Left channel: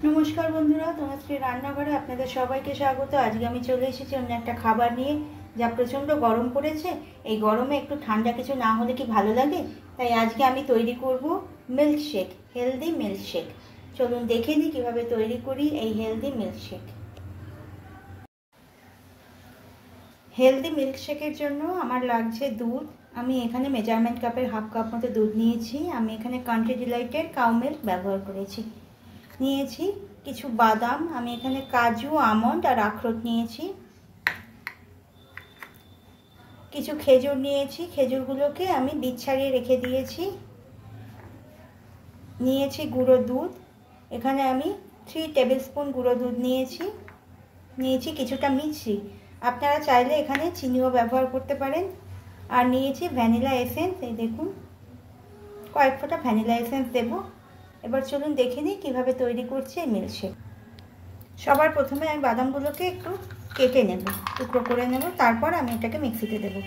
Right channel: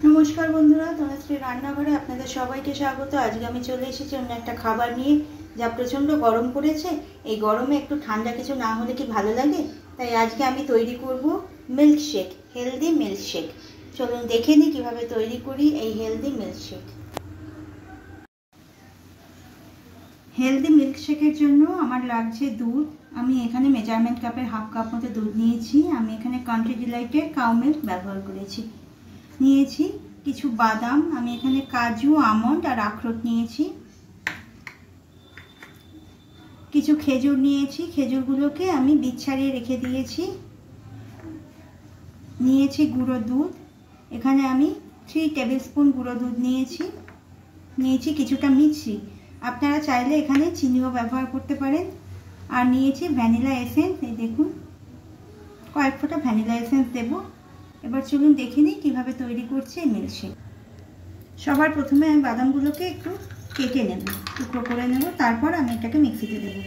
নমস্কার বন্ধুরা, তনুশ্রী রান্নাঘরে আপনাদের সবাইকে স্বাগত। আজকে আমি চলে এসেছি অন্য একটা খাবার নিয়ে। যা প্রচণ্ড গরম পড়েছে, এই গরমে একটু ঠান্ডা কিছু না হলে কি ভালো লাগে। তাই আজকে আমি তৈরি করব মিল্কশেক, হেলদি মিল্কশেক। চলুন দেখে নিই কীভাবে তৈরি করি এই হেলদি মিল্কশেক। হেলদি মিল্কশেকের জন্য আমার লাগছে দুধ। আমি এখানে মেজারমেন্ট কাপের হাফ কাপ মতো দুধ নিয়েছি। আমি এখানে কান্ট্রি ডিলাইটের কাউ মিল্ক ব্যবহার করেছি। নিয়েছি কিছু বাদাম, আমি এখানে কাজু, আমন্ড আর আখরোট নিয়েছি। কিছু খেজুর নিয়েছি, খেজুরগুলোকে আমি বীজ ছাড়িয়ে রেখে দিয়েছি। নিয়েছি গুঁড়ো দুধ, এখানে আমি 3 টেবিল স্পুন গুঁড়ো দুধ নিয়েছি। নিয়েছি কিছুটা মিষ্টি, আপনারা চাইলে এখানে চিনিও ব্যবহার করতে পারেন। আর নিয়েছি ভ্যানিলা এসেন্স, এই দেখুন কয়েক ফোঁটা ভ্যানিলা এসেন্স দেবো। এবার চলুন দেখে নিই কীভাবে তৈরি করছি এই মিল্কশেক। সবার প্রথমে আমি বাদামগুলোকে একটু কেটে নেব, টুকরো করে নেব, তারপর আমি এটাকে মিক্সিতে দেবো।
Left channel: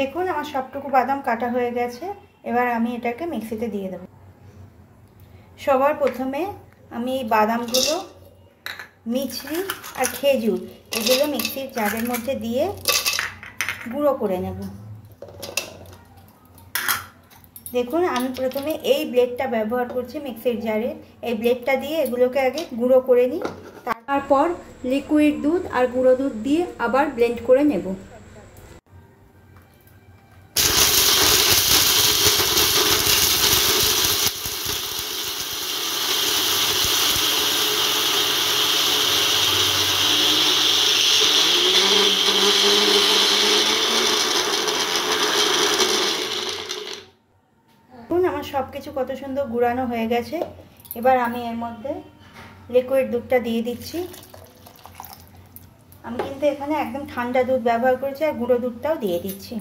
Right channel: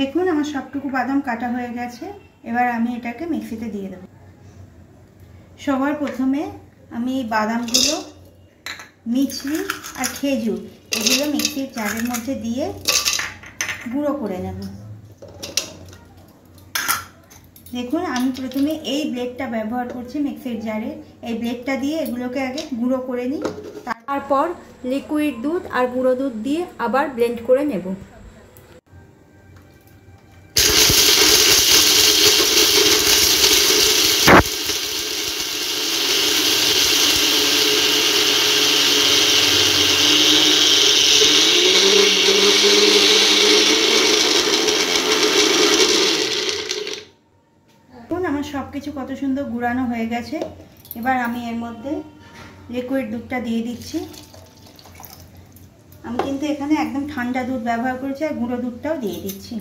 দেখুন আমার সবটুকু বাদাম কাটা হয়ে গেছে। এবার আমি এটাকে মিক্সিতে দিয়ে দেব। সবার প্রথমে আমি এই বাদামগুলো, মিছরি আর খেজুর এগুলো মিক্সির জারের মধ্যে দিয়ে গুঁড়ো করে নেব। দেখুন আমি প্রথমে এই ব্লেডটা ব্যবহার করছি মিক্সির জারে। এই ব্লেডটা দিয়ে এগুলোকে আগে গুঁড়ো করে নিই, তারপর লিকুইড দুধ আর গুঁড়ো দুধ দিয়ে আবার ব্লেন্ড করে নেব। আমার সব কিছু কত সুন্দর গুঁড়ানো হয়ে গেছে। এবার আমি এর মধ্যে লিকুইড দুধটা দিয়ে দিচ্ছি। আমি কিন্তু এখানে একদম ঠান্ডা দুধ ব্যবহার করেছি, আর গুঁড়ো দুধটাও দিয়ে দিচ্ছি।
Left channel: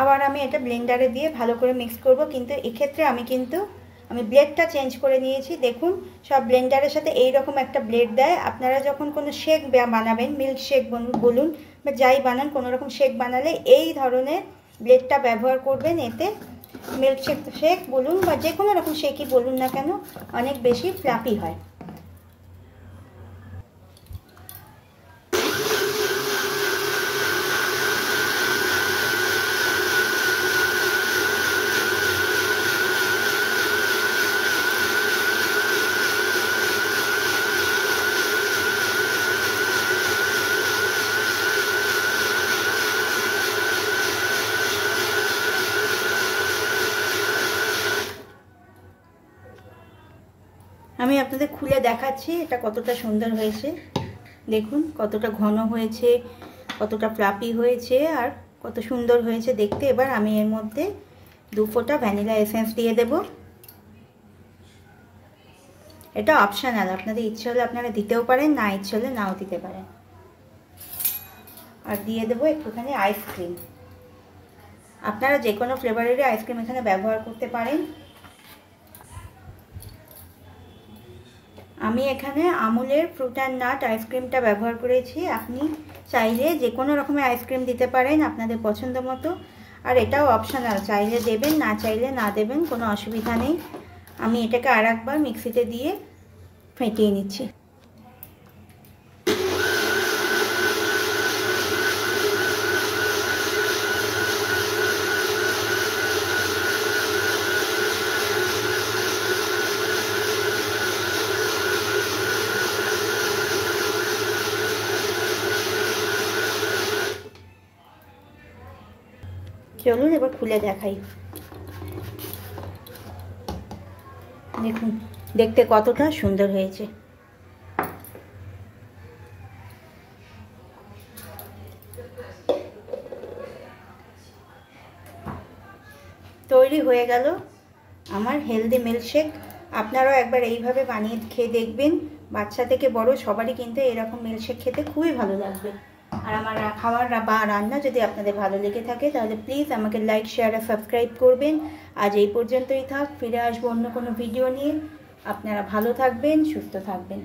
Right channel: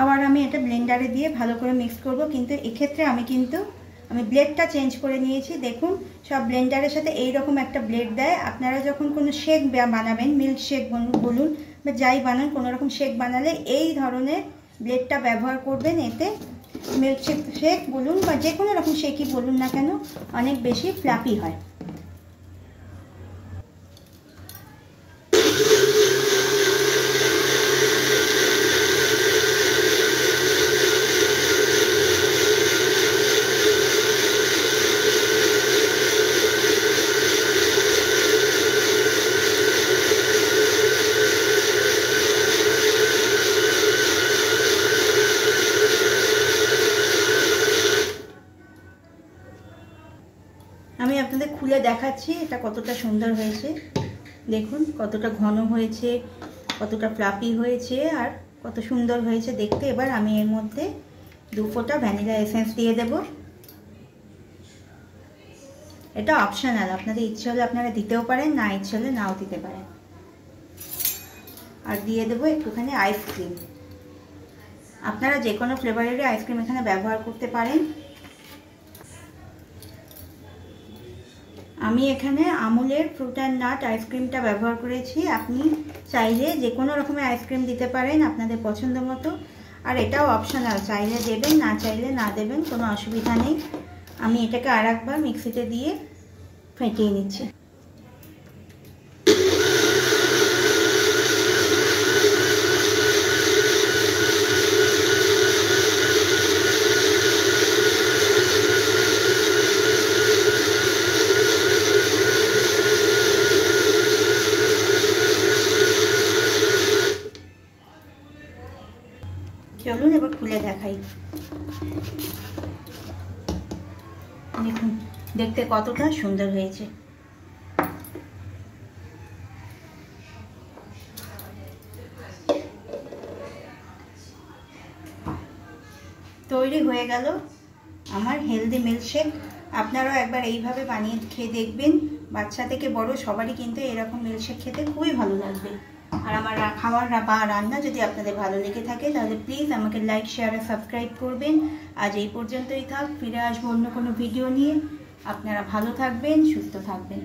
আবার আমি এটা ব্লেন্ডারে দিয়ে ভালো করে মিক্স করব, কিন্তু এক্ষেত্রে আমি ব্লেডটা চেঞ্জ করে নিয়েছি। দেখুন সব ব্লেন্ডারের সাথে এইরকম একটা ব্লেড দেয়। আপনারা যখন কোনো শেক বানাবেন, মিল্ক শেক বলুন বা যাই বানান, কোনো রকম শেক বানালে এই ধরনের ব্লেডটা ব্যবহার করবেন। এতে মিল্ক শেক বলুন বা যে কোনো রকম শেকই বলুন না কেন, অনেক বেশি ফ্লাফি হয়। আমি আপনাদের খুলে দেখাচ্ছি এটা কতটা সুন্দর হয়েছে। দেখুন কতটা ঘন হয়েছে, কতটা ফ্লাফি হয়েছে, আর কত সুন্দর হয়েছে দেখতে। এবার আমি এর মধ্যে 2 ফোঁটা ভ্যানিলা এসেন্স দিয়ে দেব। এটা অপশনাল, আপনাদের ইচ্ছে হলে আপনারা দিতেও পারেন, না ইচ্ছে হলে নাও দিতে পারেন। আর দিয়ে দেবো একটুখানি আইসক্রিম। আপনারা যে কোনো ফ্লেভারেরই আইসক্রিম এখানে ব্যবহার করতে পারেন। আমি এখানে আমুলের ফ্রুট অ্যান্ড নাট আইসক্রিমটা ব্যবহার করেছি। আপনি চাইলে যে কোনো রকমের আইসক্রিম দিতে পারেন আপনাদের পছন্দ মতো। আর এটাও অপশনাল, চাইলে দেবেন, না চাইলে না দেবেন, কোনো অসুবিধা নেই। আমি এটাকে আরেকবার মিক্সিতে দিয়ে ফেটিয়ে নিচ্ছি। চলুন এবার খুলে দেখাই। দেখুন দেখতে কতটা সুন্দর হয়েছে। তৈরি হয়ে গেল আমার হেলদি মিল্কশেক। আপনারাও একবার এইভাবে বানিয়ে খেয়ে দেখবেন। বাচ্চা থেকে বড় সবারই কিন্তু এরকম মিল্কশেক খেতে খুবই ভালো লাগবে। আর আমার খাবার বা রান্না যদি আপনাদের ভালো লেগে থাকে তাহলে প্লিজ আমাকে লাইক, শেয়ার আর সাবস্ক্রাইব করবেন। আজ এই পর্যন্তই থাক, ফিরে আসবো অন্য কোনো ভিডিও নিয়ে। আপনারা ভালো থাকবেন, সুস্থ থাকবেন।